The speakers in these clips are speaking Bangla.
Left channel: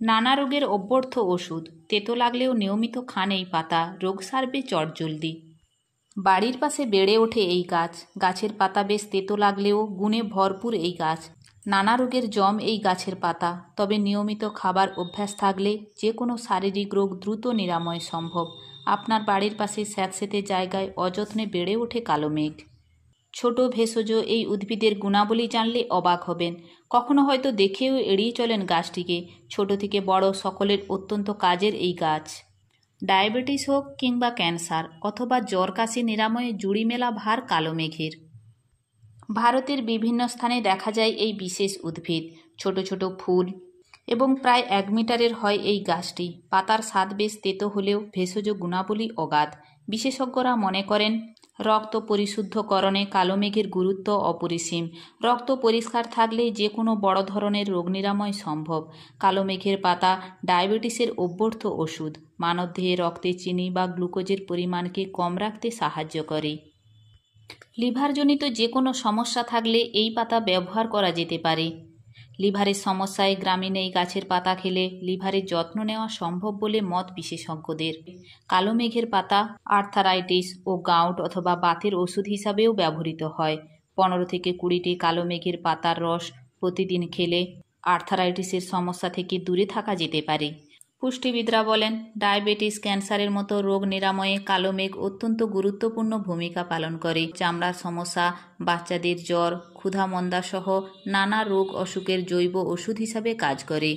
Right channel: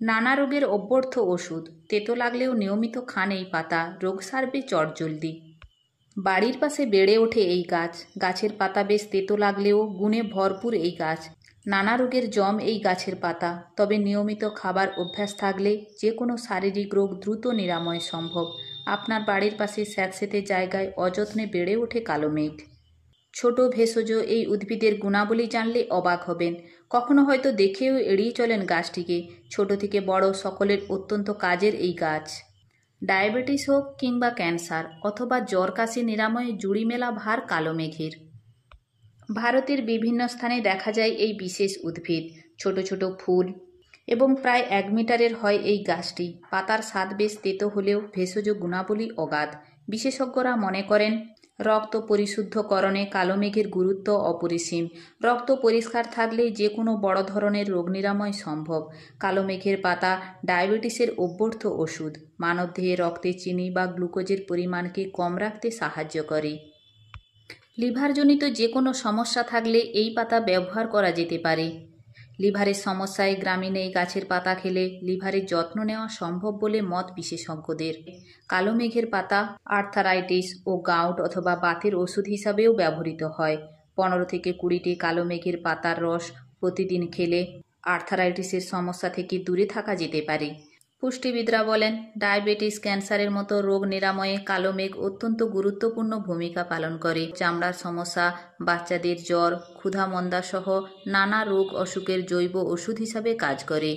নানা রোগের অব্যর্থ ওষুধ। তেতো লাগলেও নিয়মিত খান এই পাতা, রোগ সারবে চটজলদি। বাড়ির পাশে বেড়ে ওঠে এই গাছ। গাছের পাতা বেশ তেতো লাগলেও গুণে ভরপুর এই গাছ। নানা রোগের জম এই গাছের পাতা। তবে নিয়মিত খাবার অভ্যাস থাকলে যে কোনো শারীরিক রোগ দ্রুত নিরাময় সম্ভব। আপনার বাড়ির পাশে স্যাঁতসেঁতে জায়গায় অযত্নে বেড়ে ওঠে কালো মেঘ। ছোট ভেষজ এই উদ্ভিদের গুণাবলী জানলে অবাক হবেন। কখনো হয়তো দেখেও এড়িয়ে চলেন গাছটিকে। ছোট থেকে বড় সকলের অত্যন্ত কাজের এই গাছ। ডায়াবেটিস হোক কিংবা ক্যান্সার অথবা জ্বর কাশি নিরাময়ে জুড়ি মেলা ভার কালো মেঘের। ভারতের বিভিন্ন স্থানে দেখা যায় এই বিশেষ উদ্ভিদ। ছোট ছোট ফুল এবং প্রায় 1 মিটারের হয় এই গাছটি। পাতার স্বাদ বেশ তেতো হলেও ভেষজ গুণাবলী অগাধ। বিশেষজ্ঞরা মনে করেন রক্ত পরিশুদ্ধকরণে কালো মেঘের গুরুত্ব অপরিসীম। রক্ত পরিষ্কার থাকলে যে কোনো বড় ধরনের রোগ নিরাময় সম্ভব। কালো মেঘের পাতা ডায়াবেটিসের অব্যর্থ ওষুধ। মানবদেহে রক্তে চিনি বা গ্লুকোজের পরিমাণকে কম রাখতে সাহায্য করে। লিভারজনিত যে কোনো সমস্যা থাকলে এই পাতা ব্যবহার করা যেতে পারে। লিভারের সমস্যায় গ্রামীণ এই গাছের পাতা খেলে লিভারের যত্ন নেওয়া সম্ভব বলে মত বিশেষজ্ঞদের। কালো মেঘের পাতা আর্থারাইটিস ও গাউট অথবা বাতের ওষুধ হিসাবেও ব্যবহৃত হয়। 15 থেকে 20টি কালো মেঘের পাতার রস প্রতিদিন খেলে আর্থারাইটিসের সমস্যা থেকে দূরে থাকা যেতে পারে। পুষ্টিবিদরা বলেন ডায়াবেটিস, ক্যান্সারের মতো রোগ নিরাময়ে কালো মেঘ অত্যন্ত গুরুত্বপূর্ণ ভূমিকা পালন করে। চামড়ার সমস্যা, বাচ্চাদের জ্বর, ক্ষুধা-মন্দা সহ নানা রোগ অসুখের জৈব ওষুধ হিসাবে কাজ করে।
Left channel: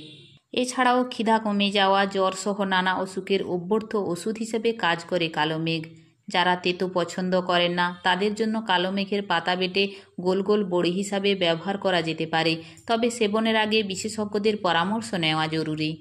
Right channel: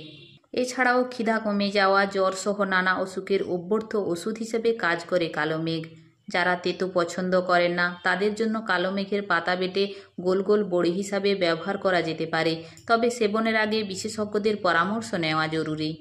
এছাড়াও খিদা কমে যাওয়া, জ্বর সহ নানা অসুখের অব্যর্থ ওষুধ হিসেবে কাজ করে কালো মেঘ। যারা তেতো পছন্দ করেন না তাদের জন্য কালো মেঘের পাতা বেটে গোল গোল বড়ি হিসাবে ব্যবহার করা যেতে পারে। তবে সেবনের আগে বিশেষজ্ঞদের পরামর্শ নেওয়া জরুরি।